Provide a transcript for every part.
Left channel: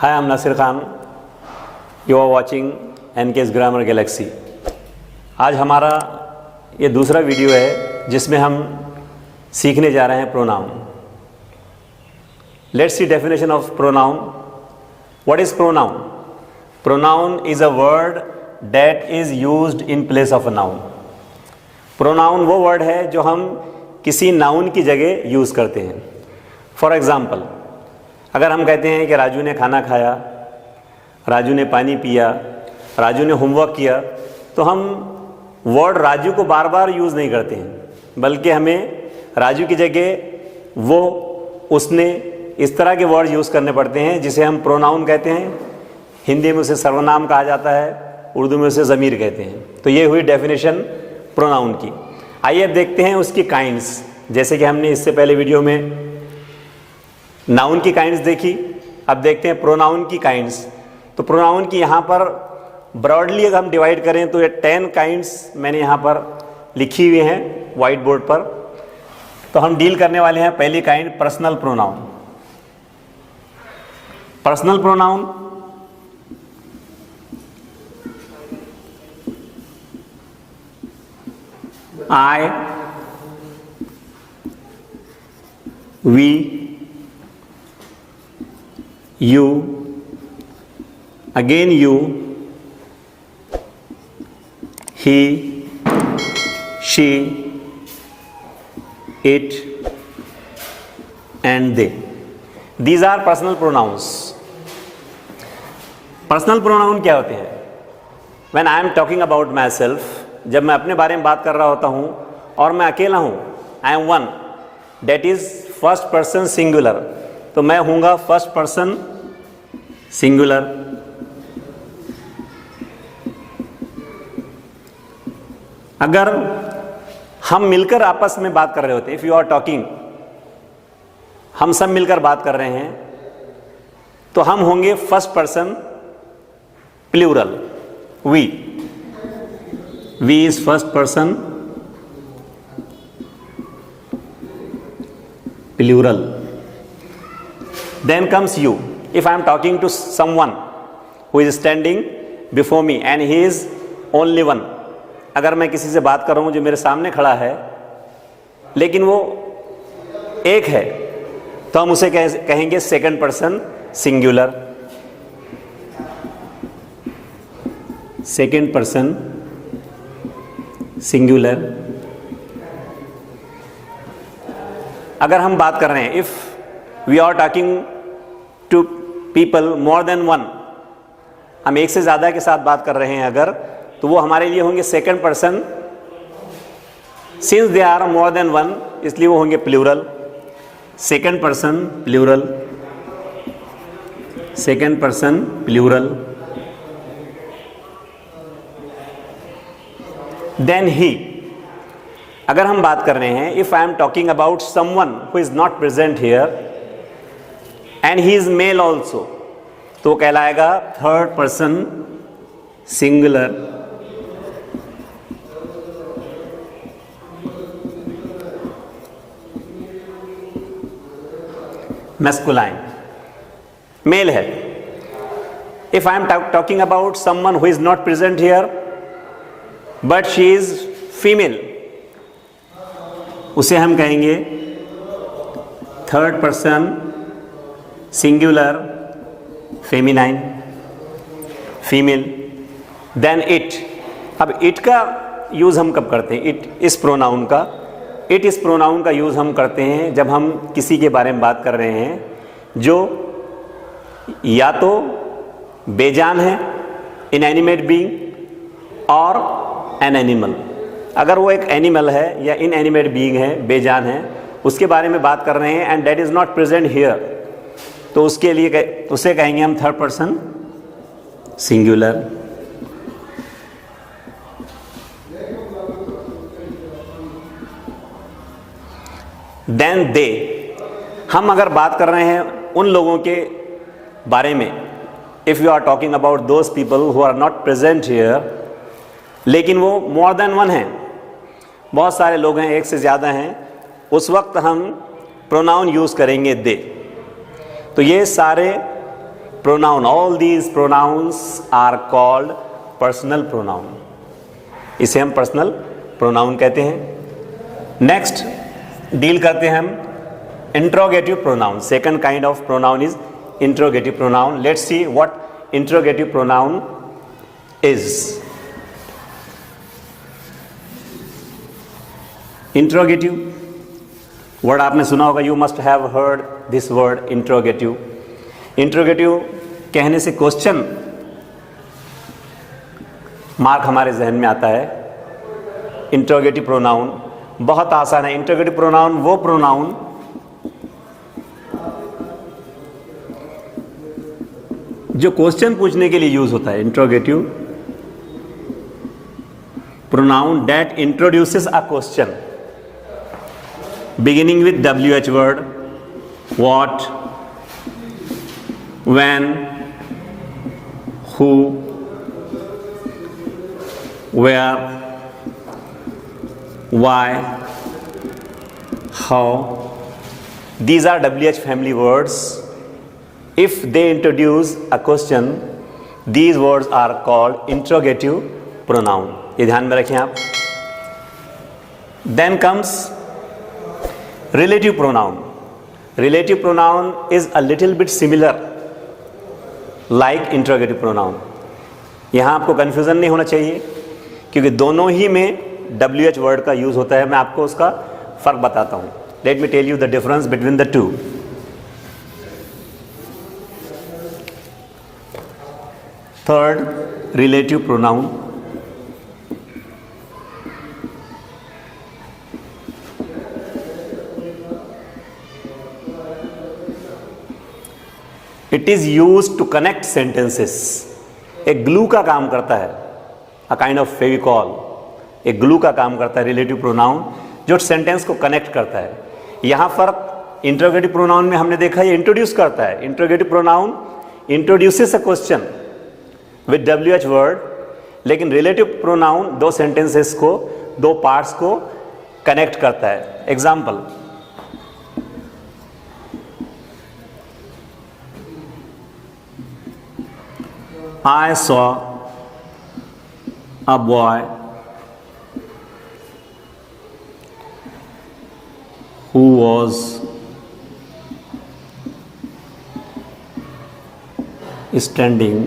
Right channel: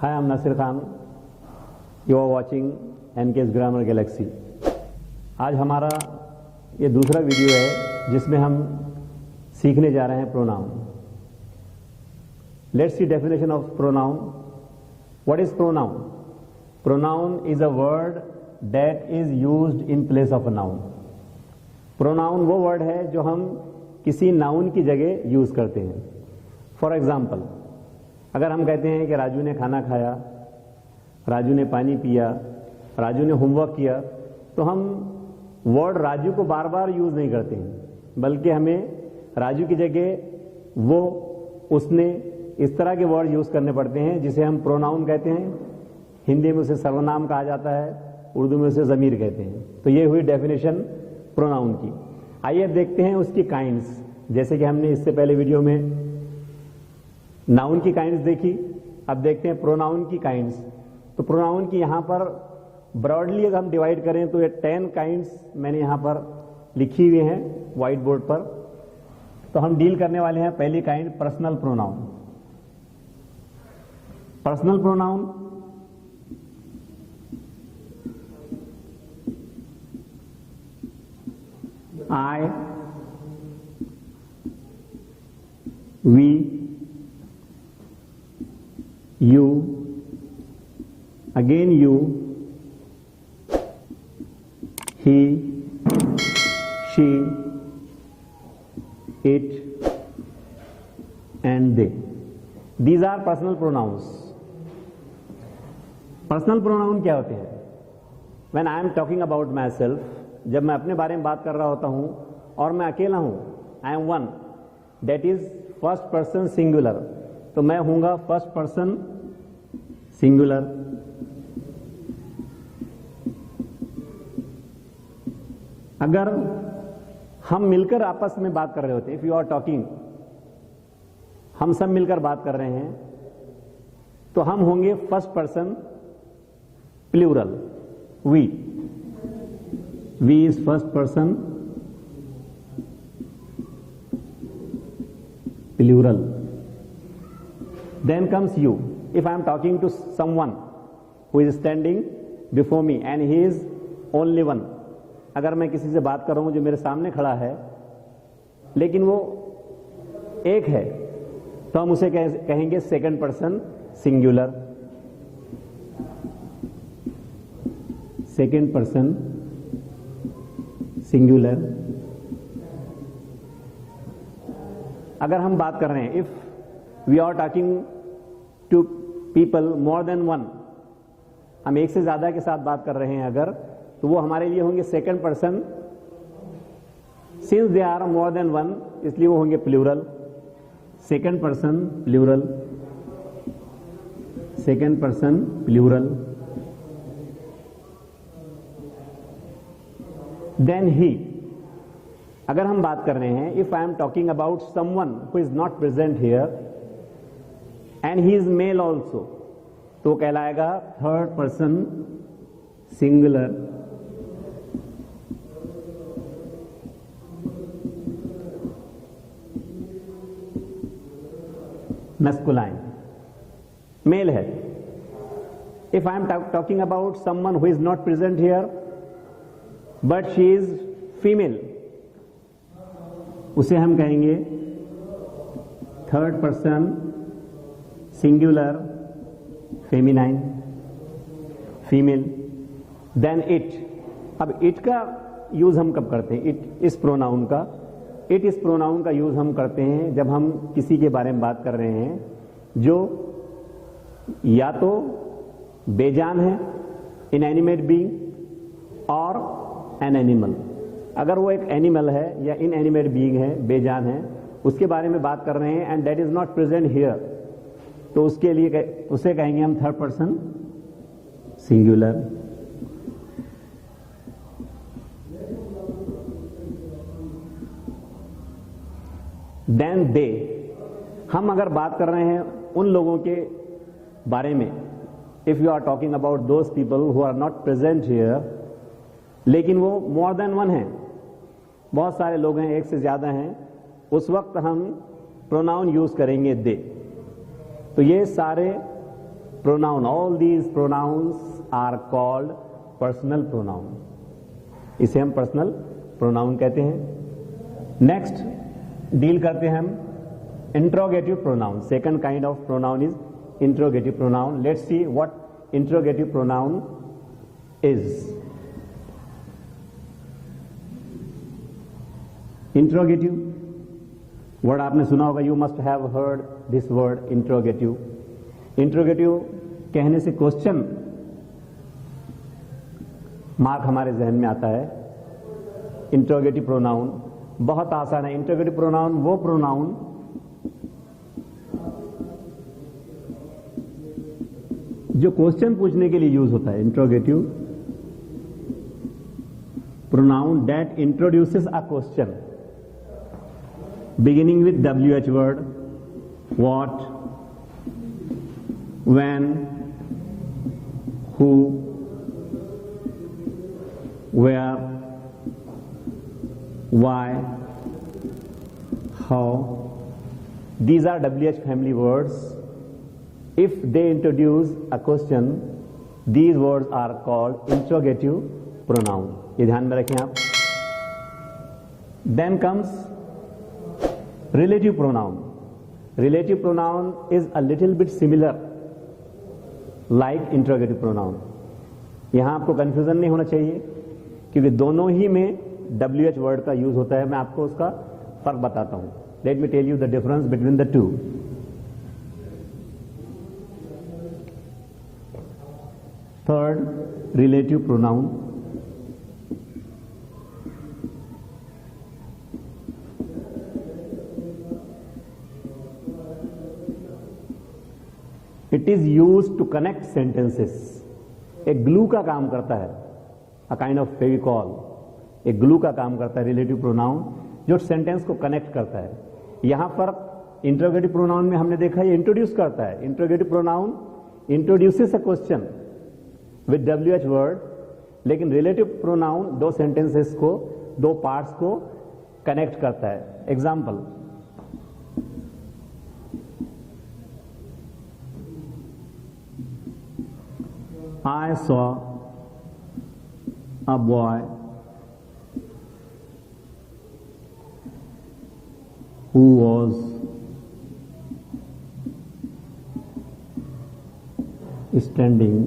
Hi, I'm Nasir Khan. You are watching NK's Grammar Galaxy. आज हमारा ये दूसरा वीडियो है जिसमें हम सीखने जा रहे हैं pronoun. Let's see definition of pronoun. What is pronoun? Pronoun is a word that is used in place of a noun. Pronoun वो वर्ड है जो हम किसी नाउन की जगह यूज़ करते हैं. फॉर एग्ज़ाम्पल, अगर हम कहते हैं कि राजू ने खाना खाया, राजू ने पानी पिया, राजू ने होमवर्क किया, तो हम वर्ड राजू को बार बार यूज़ नहीं करते हैं, बल्कि हमें राजू की जगह वो, उसने, इस तरह के वर्ड यूज़ करने पड़ते हैं जिसे हम प्रोनाउन कहते हैं. हिंदी में उसे सर्वनाम कहा जाता है, उर्दू में उसे ज़मीर कहते हैं. तो ये हुई डेफिनेशन प्रोनाउन की. आइए अब देखते हैं उसकी काइंड्स. जैसे कि हमने इससे पहले वीडियो में नाउन की काइंड्स देखी, अब देखते हैं प्रोनाउन की काइंड्स. तो प्रोनाउन की यहाँ पर ब्रॉडली अगर हम डिवाइड करें तो ये 10 काइंड्स मैंने यहाँ पर लिखी हुई हैं वाइट बोर्ड पर. तो हम डील करने वाले हैं पहली kind personal pronoun. Personal pronoun I, we, you, again you, he, she, it, and they. These are personal pronouns. Personal pronoun क्या होते हैं? When I am talking about myself, जब मैं अपने बारे में बात कर रहा होता हूँ और मैं अकेला हूँ, I am one, that is first person singular, तो मैं हूँगा फर्स्ट पर्सन सिंगुलर. अगर हम मिलकर आपस में बात कर रहे होते, इफ़ यू आर टॉकिंग, हम सब मिलकर बात कर रहे हैं, तो हम होंगे first person plural. we is first person plural. Then comes you. If I am talking to someone who is standing before me and he is only one, अगर मैं किसी से बात कर रहा हूँ जो मेरे सामने खड़ा है लेकिन वो एक है, तो हम उसे कहेंगे second person singular. Second person singular. अगर हम बात कर रहे हैं, if we are talking to people more than one, हम एक से ज़्यादा के साथ बात कर रहे हैं अगर, तो वो हमारे लिए होंगे second person. Since they are more than one, इसलिए वो होंगे plural. Second person plural, second person plural. Then he. अगर हम बात कर रहे हैं, if I am talking about someone who is not present here and he is male also, तो कहलाएगा third person singular. Masculine, male है. If I am talking about someone who is not present here but she is female, उसे हम कहेंगे third person singular feminine, female. Then it. अब it का use हम कब करते हैं? इट इस प्रोनाउन का, इट इस प्रोनाउन का यूज़ हम करते हैं जब हम किसी के बारे में बात कर रहे हैं जो या तो बेजान है, इनएनिमेट बीइंग, और एन एनिमल. अगर वो एक एनिमल है या इनएनिमेट बीइंग है, बेजान है, उसके बारे में बात कर रहे हैं and that is not present here, तो उसके लिए उसे कहेंगे हम third person singular. Then they. हम अगर बात कर रहे हैं उन लोगों के बारे में, if you are talking about those people who are not present here, लेकिन वो मोर देन वन हैं, बहुत सारे लोग हैं, एक से ज़्यादा हैं, उस वक्त हम प्रोनाउन यूज़ करेंगे दे. तो ये सारे pronoun, all these pronouns are called personal pronoun. इसे हम personal pronoun कहते हैं. Next डील करते हैं हम interrogative pronoun. Second kind of pronoun is interrogative pronoun. Let's see what interrogative pronoun is. Interrogative word आपने सुना होगा, you must have heard this word interrogative. Interrogative कहने से क्वेश्चन मार्क हमारे जहन में आता है. इंट्रोगेटिव प्रोनाउन बहुत आसान है. इंट्रोगेटिव प्रोनाउन वो प्रोनाउन जो क्वेश्चन पूछने के लिए यूज होता है. Interrogative pronoun that introduces a question beginning with WH word, what, when, who, where, why, how. These are WH family words. If they introduce a question, these words are called interrogative pronoun. ये ध्यान में रखें आप. Then comes relative pronoun. Relative pronoun is a little bit similar like interrogative pronoun. यहाँ आपको confusion नहीं होना चाहिए क्योंकि दोनों ही में WH word का यूज होता है. मैं आपको उसका फर्क बताता हूँ. Let me tell you the difference between the two. Third, relative pronoun. It is use to connect sentences. एक ग्लू का काम करता है, अ काइंड ऑफ फेविकॉल. एक ग्लू का काम करता है रिलेटिव प्रोनाउन जो सेंटेंस को कनेक्ट करता है. यहां फर्क इंट्रोगेटिव प्रोनाउन में हमने देखा ये इंट्रोड्यूस करता है. Interrogative pronoun introduces a question with WH word, लेकिन रिलेटिव प्रोनाउन दो सेंटेंसेस को, दो पार्ट्स को कनेक्ट करता है. Example, I saw a boy who was standing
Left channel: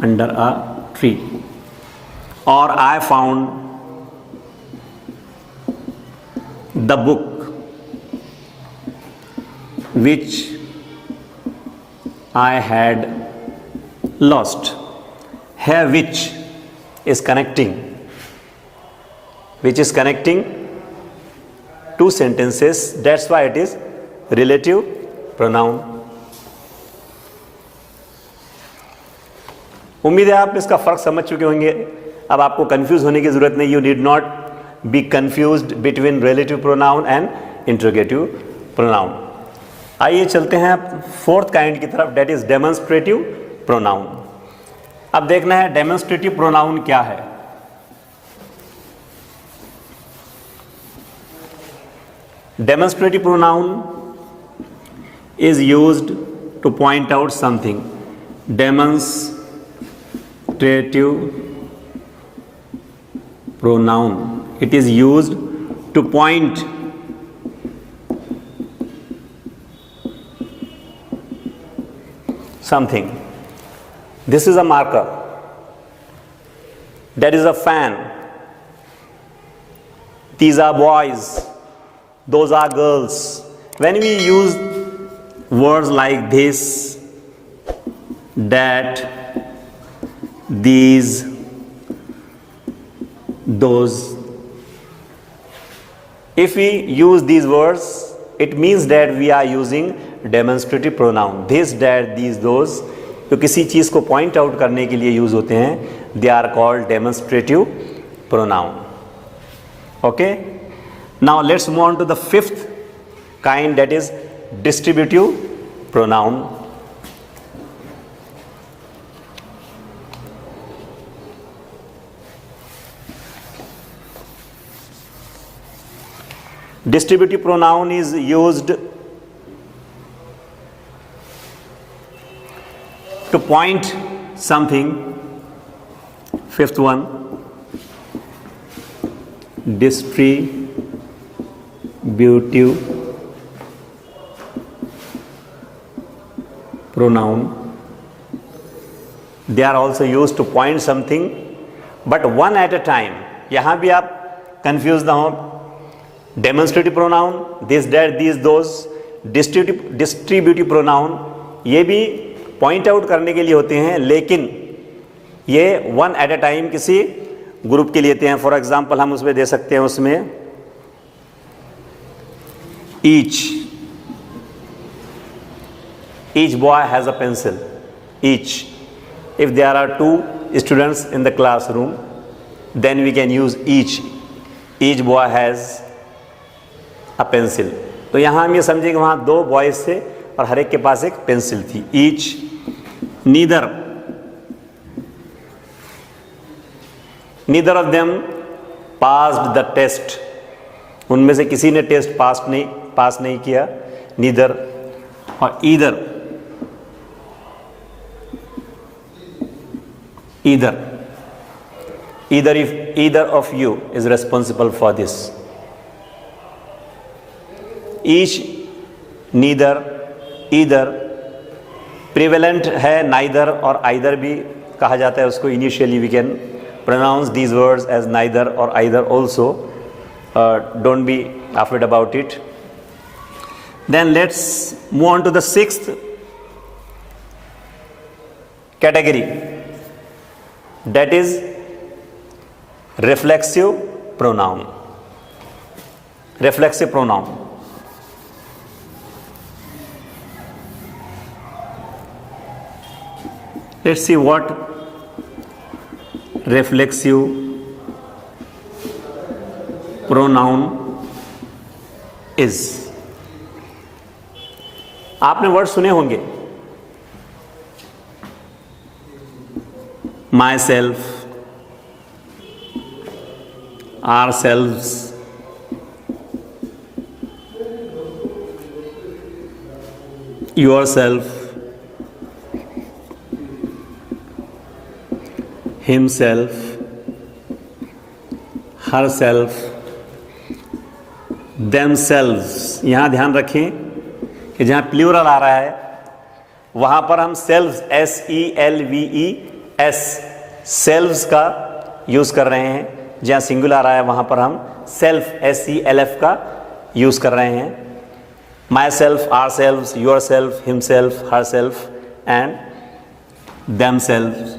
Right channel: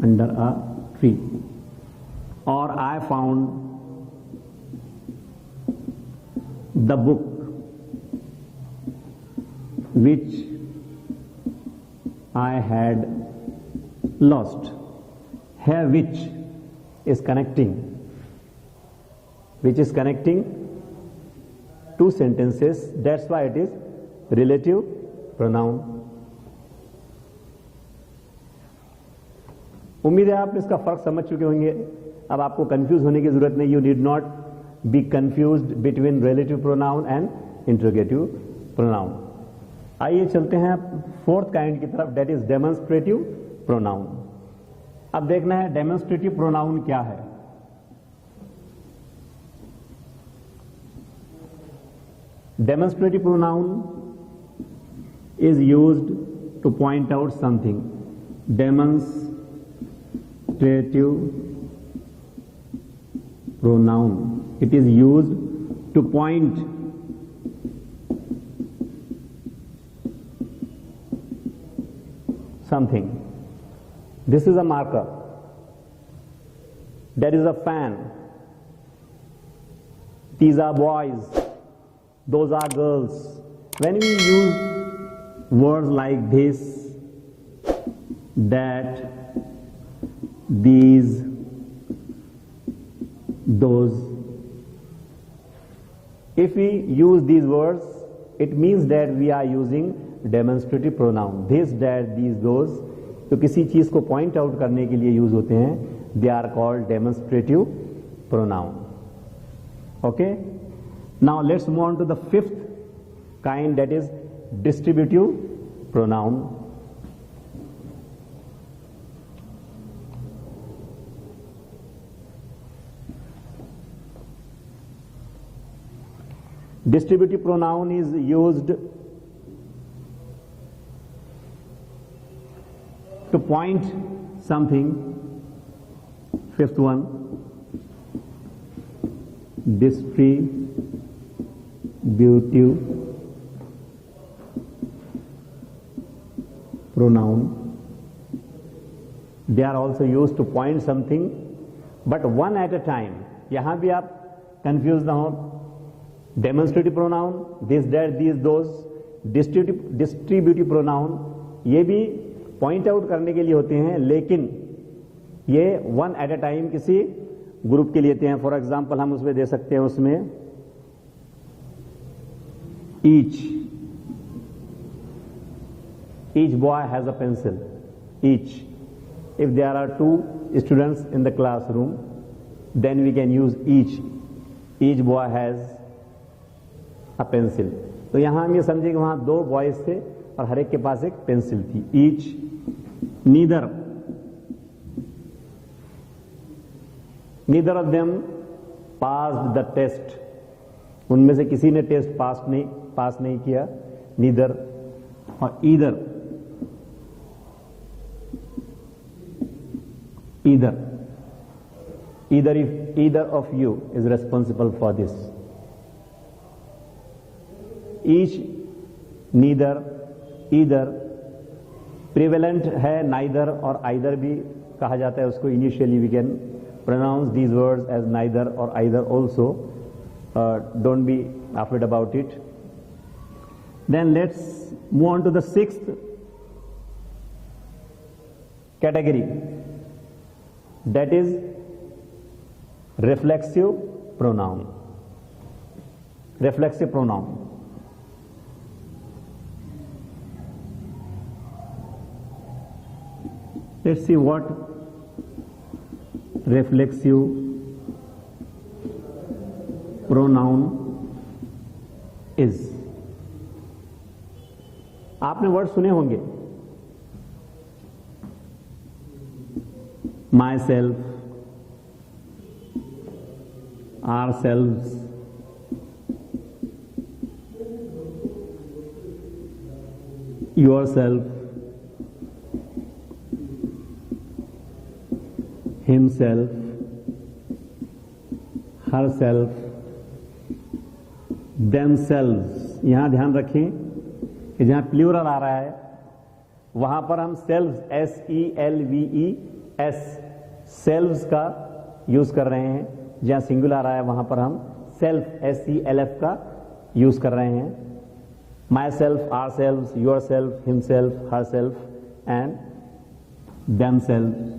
under a tree. Or I found the book which I had lost. Here which is connecting two sentences. That's why it is relative pronoun. उम्मीद है आप इसका फर्क समझ चुके होंगे. अब आपको कंफ्यूज होने की जरूरत नहीं. You need not be confused between relative pronoun and interrogative pronoun. आइए चलते हैं फोर्थ काइंड की तरफ, डेट इज डेमोन्स्ट्रेटिव प्रोनाउन. अब देखना है डेमोन्स्ट्रेटिव प्रोनाउन क्या है. Demonstrative pronoun is used two point out something. Demonstrative pronoun, it is used two point something. This is a marker. That is a fan. These are boys. Those are girls. When we use words like this, that, these, those, if we use these words, it means that we are using demonstrative pronoun. This, that, these, those जो किसी चीज़ को point out करने के लिए use होते हैं, they are called demonstrative pronoun. Okay, now let's move on to the fifth kind, that is distributive pronoun. Distributive pronoun is used to point something. Fifth one, distributive pronoun. They are also used to point something, but one at a time. यहाँ भी आप confuse ना हो. Demonstrative pronoun, this, that, this, those. Distributive pronoun, ये भी point out करने के लिए होते हैं, लेकिन ये वन एट अ टाइम किसी ग्रुप के लिए लेते हैं. फॉर एग्जाम्पल हम उसमें दे सकते हैं, उसमें each boy has a pencil. Each. If there are 2 students in the classroom, then we can use each. Each boy has a pencil. तो यहाँ हम ये समझें कि वहाँ 2 बॉयज थे और हर एक के पास एक पेंसिल थी. Each. Neither of them passed the test. उनमें से किसी ने टेस्ट पास नहीं किया. Neither. और either. If either of you is responsible for this. Each, neither, either. Prevalent है neither और either भी कहा जाता है उसको. Initially we can pronounce these words as neither or either also. Don't be afraid about it. Then let's move on to the 6th category. That is reflexive pronoun. Reflexive pronoun. Let's see what reflexive pronoun is. आपने word सुने होंगे. myself, ourselves, yourself, himself, herself, themselves. यहाँ ध्यान रखें कि जहाँ plural आ रहा है वहाँ पर हम सेल्व्स, SELVES, सेल्व्स का यूज़ कर रहे हैं. जहाँ सिंगुलर आ रहा है वहाँ पर हम सेल्फ, SELF का यूज़ कर रहे हैं. Myself, ourselves, yourself, himself, herself and themselves,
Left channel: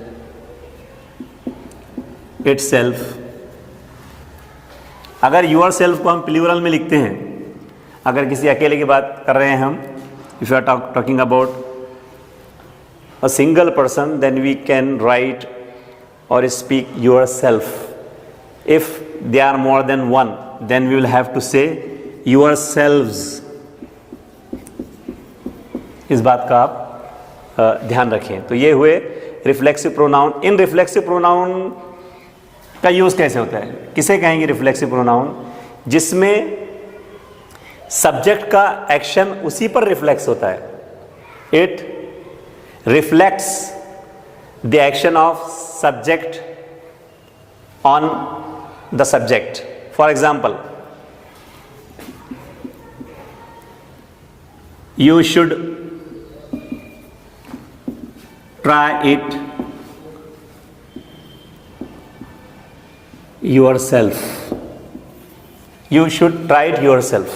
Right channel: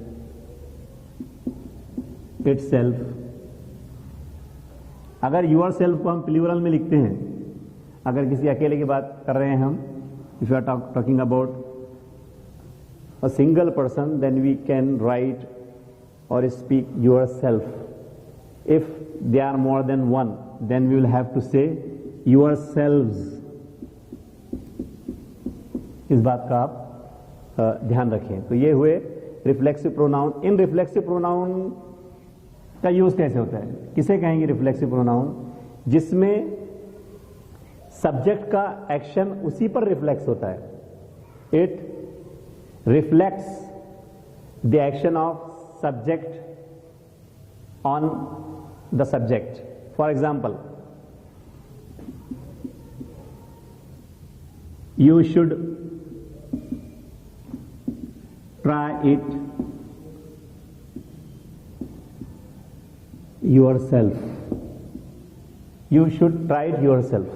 itself. अगर योर सेल्फ को हम प्लूरल में लिखते हैं, अगर किसी अकेले की बात कर रहे हैं हम, if you are talking about a single person, then we can write or speak yourself. If they are more than one, then we will have to say yourselves. इस बात का आप ध्यान रखें. तो ये हुए रिफ्लेक्सिव प्रोनाउन. इन रिफ्लेक्सिव प्रोनाउन का यूज़ कैसे होता है? किसे कहेंगे रिफ्लेक्सिव प्रोनाउन? जिसमें सब्जेक्ट का एक्शन उसी पर रिफ्लेक्स होता है. It reflects the action of subject on the subject. For example, you should try it yourself. You should try it yourself.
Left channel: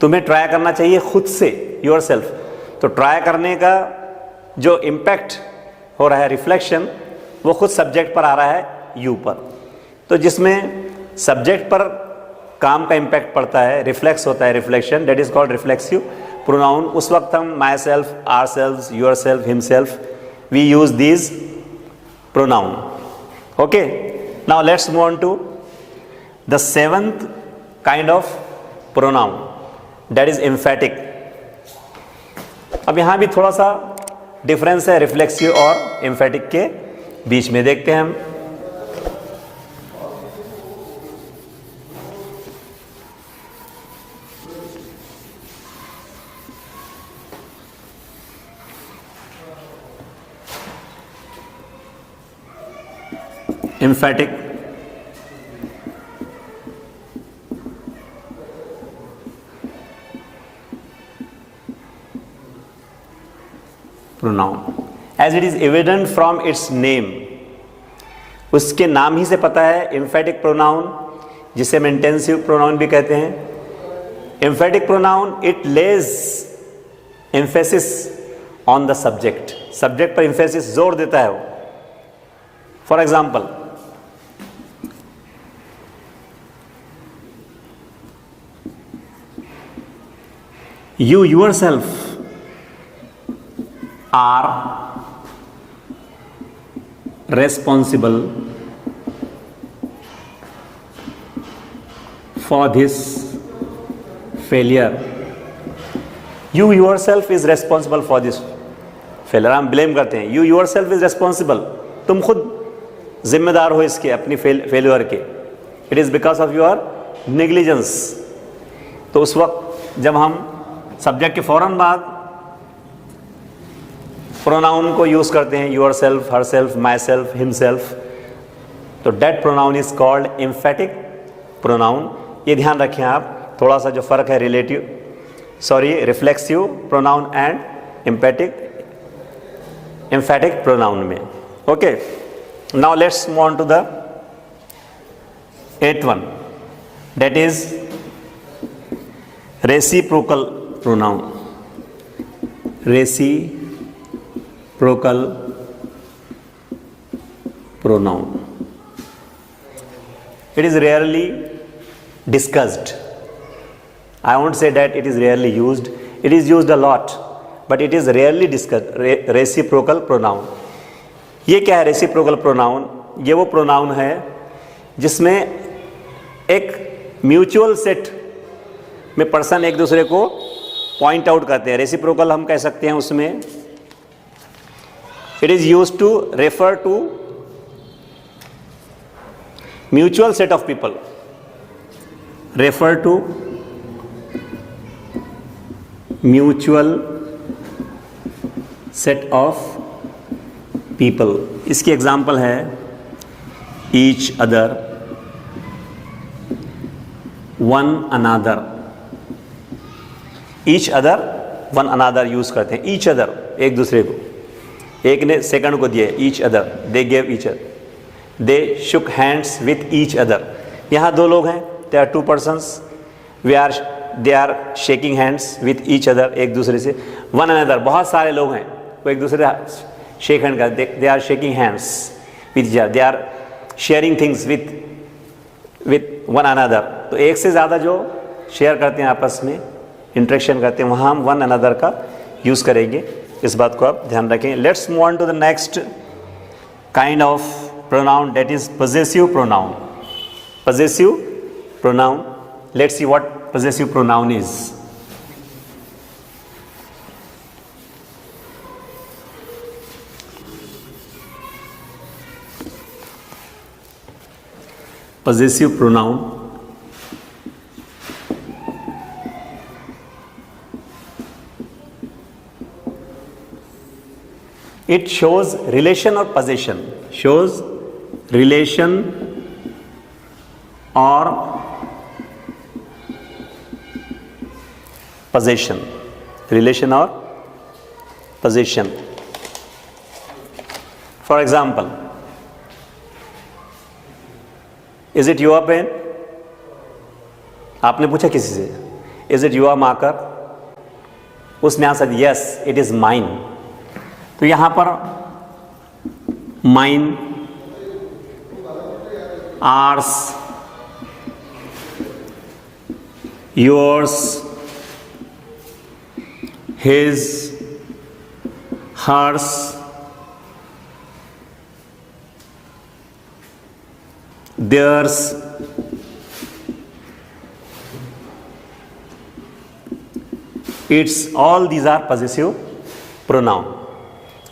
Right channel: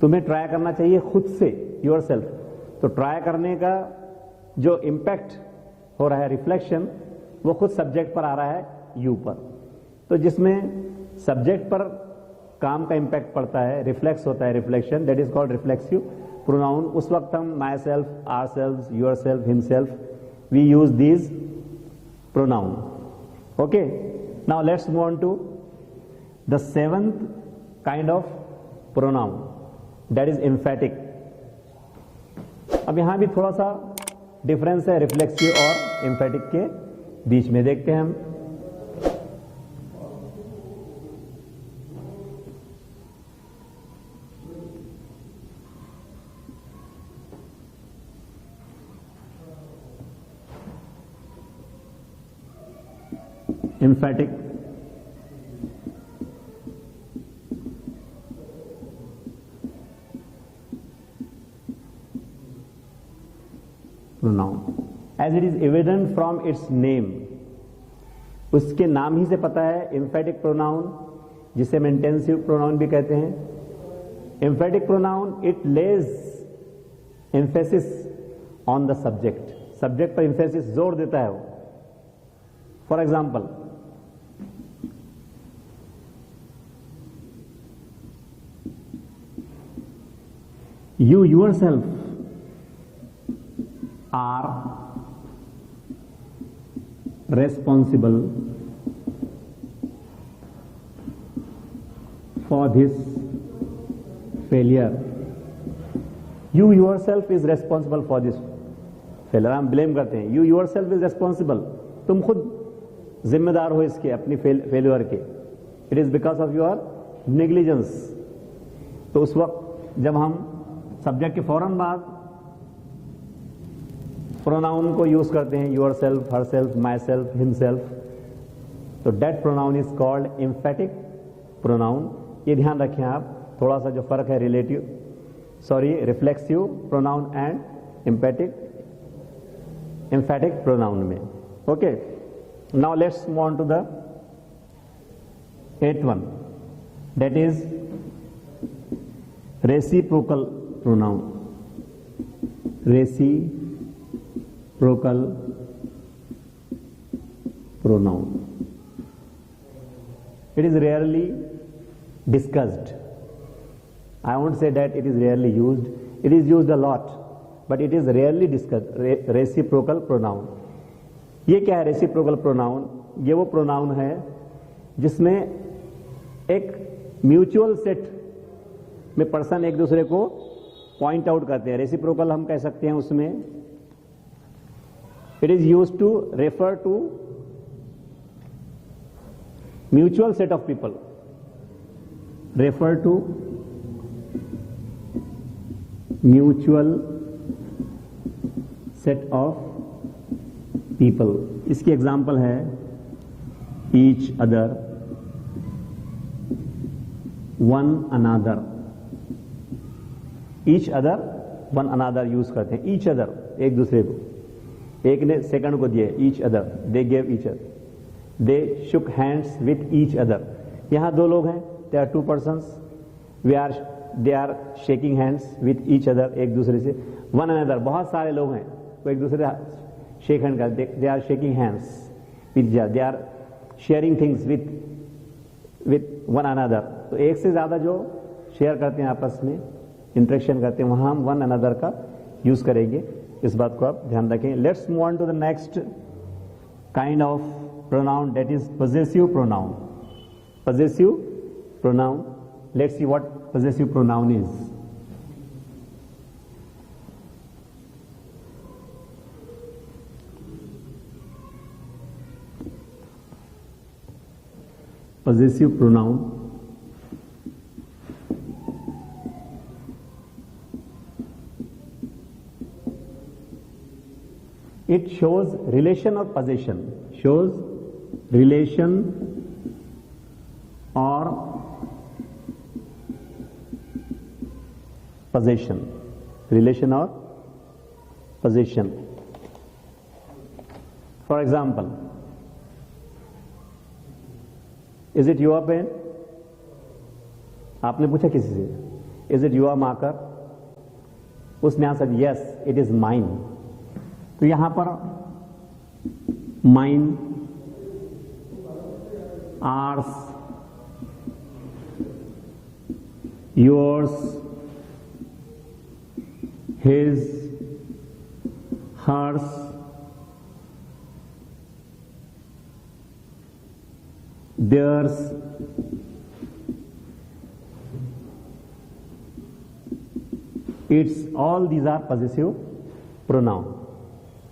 तुम्हें ट्राई करना चाहिए खुद से, yourself. तो ट्राई करने का जो इम्पैक्ट हो रहा है, रिफ्लेक्शन, वो खुद सब्जेक्ट पर आ रहा है, यू पर. तो जिसमें सब्जेक्ट पर काम का इम्पैक्ट पड़ता है, रिफ्लेक्स होता है, reflection, that is called reflexive pronoun. उस वक्त हम myself, ourself, yourself, himself, we use these pronoun. Okay, now let's move on to the 7th kind of pronoun, that is emphatic. अब यहां भी थोड़ा सा difference है reflexive और एम्फेटिक के बीच में. देखते हैं हम. emphatic pronoun as it is evident from its name. उसके नाम ही से पता है emphatic pronoun, जिसे हम intensive pronoun भी कहते हैं. Emphatic pronoun it lays emphasis on the subject. Subject पर emphasis जोर देता है वो. For example, you yourself are responsible for this failure. You yourself is responsible for this failure. हम blame करते हैं. You yourself is responsible. तुम खुद जिम्मेदार हो इसके, अपनी फेलियर के. It is because of your negligence. तो उस वक्त जब हम सब्जेक्ट के फौरन बाद प्रोनाउन को यूज करते हैं, yourself, herself, myself, himself, तो that pronoun is called emphatic pronoun. ये ध्यान रखें आप, थोड़ा सा जो फर्क है reflexive pronoun and emphatic pronoun में. Okay, now let's move on to the 8th one, that is reciprocal pronoun. Reciprocal pronoun. It is rarely discussed. I won't say that it is rarely used. It is used a lot, but it is rarely discussed. Reciprocal pronoun. ये क्या है reciprocal pronoun? ये वो pronoun है जिसमें एक mutual set में person एक दूसरे को पॉइंट आउट करते हैं. रेसिप्रोकल हम कह सकते हैं उसमें. It is used to refer to mutual set of people. Refer to mutual set of people. इसकी एग्जांपल है each other, one another. Each other, one another use करते हैं. ईच अदर एक दूसरे को, एक ने सेकंड को दिए. Each other, they gave each other. They shook hands with each other. यहाँ दो लोग हैं, they are two persons, they are shaking hands with each other, एक दूसरे से. वन अनदर, बहुत सारे लोग हैं, वो एक दूसरे से शेक हैंड करते, they are shaking hands with each other. They are sharing things with one another. तो एक से ज़्यादा जो शेयर करते हैं, आपस में इंटरेक्शन करते हैं, वहाँ हम वन अनदर का यूज़ करेंगे. इस बात को आप ध्यान रखें. Let's move on to the next kind of pronoun, that is possessive pronoun. Possessive pronoun, let's see what possessive pronoun is. possessive pronoun it shows relation or possession. Shows relation or possession. Relation or possession. For example, is it your pen? आपने पूछा किसी से, is it your marker? उसने answer yes it is mine. तो यहां पर mine, ours, yours, his, hers, theirs, its, all these are possessive pronoun.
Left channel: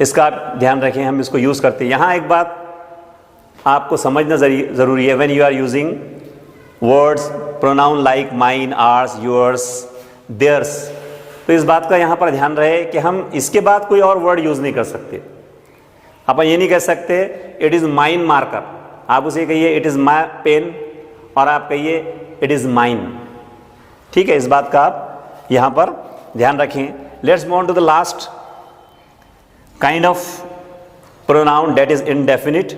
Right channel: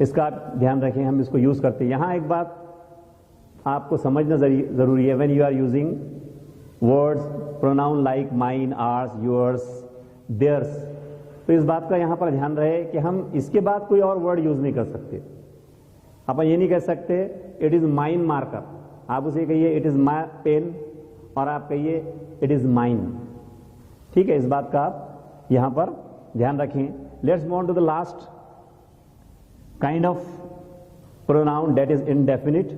इसका आप ध्यान रखें, हम इसको यूज करते हैं. यहां एक बात आपको समझना जरूरी है. When you are using words pronoun like mine, ours, yours, theirs, तो इस बात का यहां पर ध्यान रहे कि हम इसके बाद कोई और वर्ड यूज नहीं कर सकते. अपन ये नहीं कह सकते इट इज माइन मार्कर. आप उसे कहिए इट इज़ माई पेन और आप कहिए इट इज़ माइन। ठीक है, इस बात का आप यहाँ पर ध्यान रखें। Let's move on to the last kind of pronoun, that is indefinite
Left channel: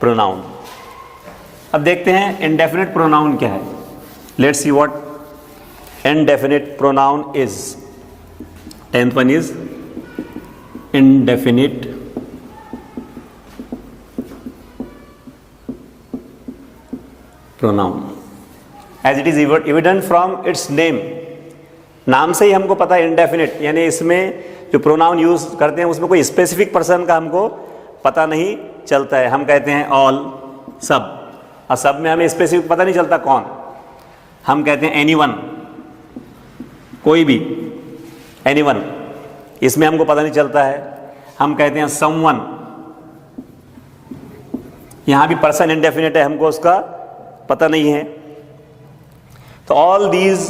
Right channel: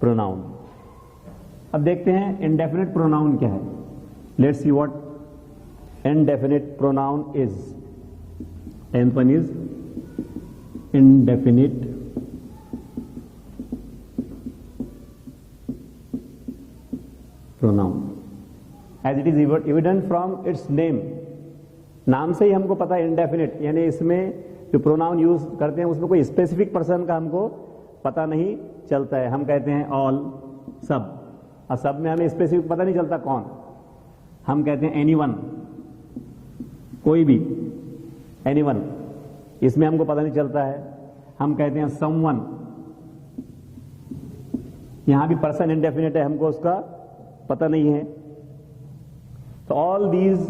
pronoun. अब देखते हैं इंडेफिनिट प्रोनाउन क्या है। Let's see what indefinite pronoun is. 10th one is indefinite pronoun as it is evident from its name। नाम से ही हमको पता है indefinite, यानी इसमें जो प्रोनाउन यूज करते हैं उसमें कोई स्पेसिफिक पर्सन का हमको पता नहीं चलता है। हम कहते हैं ऑल, सब, और सब में हमें स्पेसिफिक पता नहीं चलता कौन। हम कहते हैं एनीवन, कोई भी, एनीवन, इसमें हमको पता नहीं चलता है। हम कहते हैं समवन, यहां भी पर्सन इंडेफिनिट है, हमको उसका पता नहीं है। तो all these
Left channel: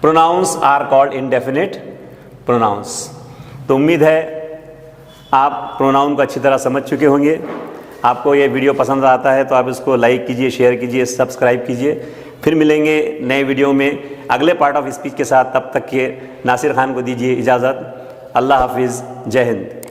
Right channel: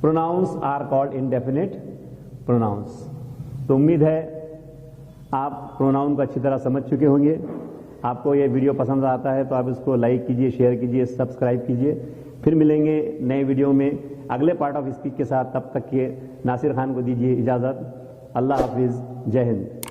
pronouns are called indefinite pronouns. तो उम्मीद है आप प्रोनाउन को अच्छी तरह समझ चुके होंगे। आपको ये वीडियो पसंद आता है तो आप इसको लाइक कीजिए, शेयर कीजिए, सब्सक्राइब कीजिए। फिर मिलेंगे नए वीडियो में अगले पार्ट ऑफ स्पीच के साथ। तब तक के नासिर खान को दीजिए इजाज़त। अल्लाह हाफिज़, जय हिंद।